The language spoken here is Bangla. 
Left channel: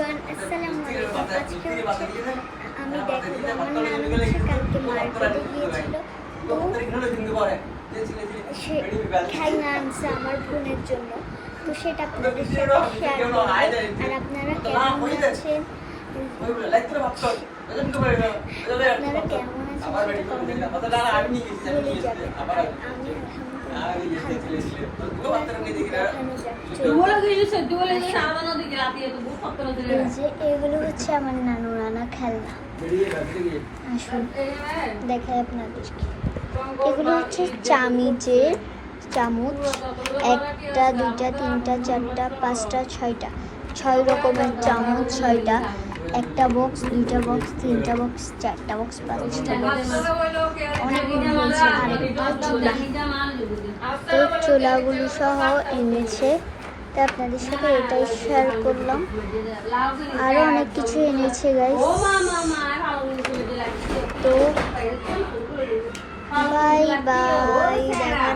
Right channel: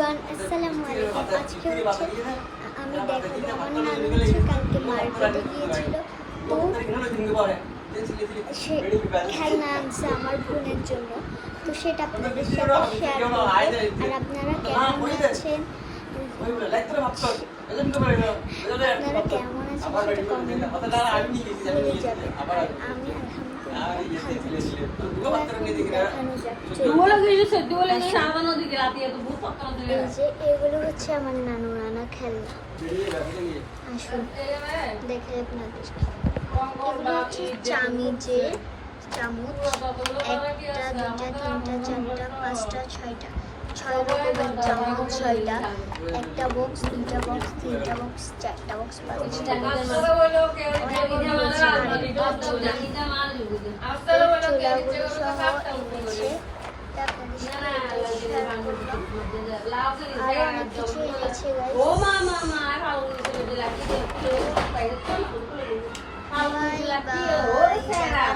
এভরিওয়ান, আসসালামু আলাইকুম। আজকে হচ্ছে আমি দেখাবো আমার নানু হচ্ছে কালকে মার্কেটে গিয়েছিল, তো সে খেলনা আনছে আমার বোনের জন্য। তো সেটা আপনাদের সাথে শেয়ার করবো। আর আপনারা কেমন আছেন, আপনারা কেমন আছেন সেটা কমেন্ট বক্সে বলে যাবেন। আর আমি এই যে এগুলো হচ্ছে আমার নানু নানা খেলনা। আসুন দেখাই আপনাদেরকে। এগুলো হচ্ছে চামচ, একটা দুইটা তিনটা চারটা পাঁচটা ছয়টা, 6 রকমের চামচ, 6টা, একটা বক্স, দুইটা বক্স, তিনটা বক্স, চারটা বক্স, পাঁচটা বক্স, অনেকগুলো হয়েছে। আরেকটা চুলা, চুলাগুলো সহ এনেছে। তো আপনাদের সাথে এটাই শেয়ার করলাম। আর অনেক কিছু এনেছে গাইস। তো বাই বাই, দেখা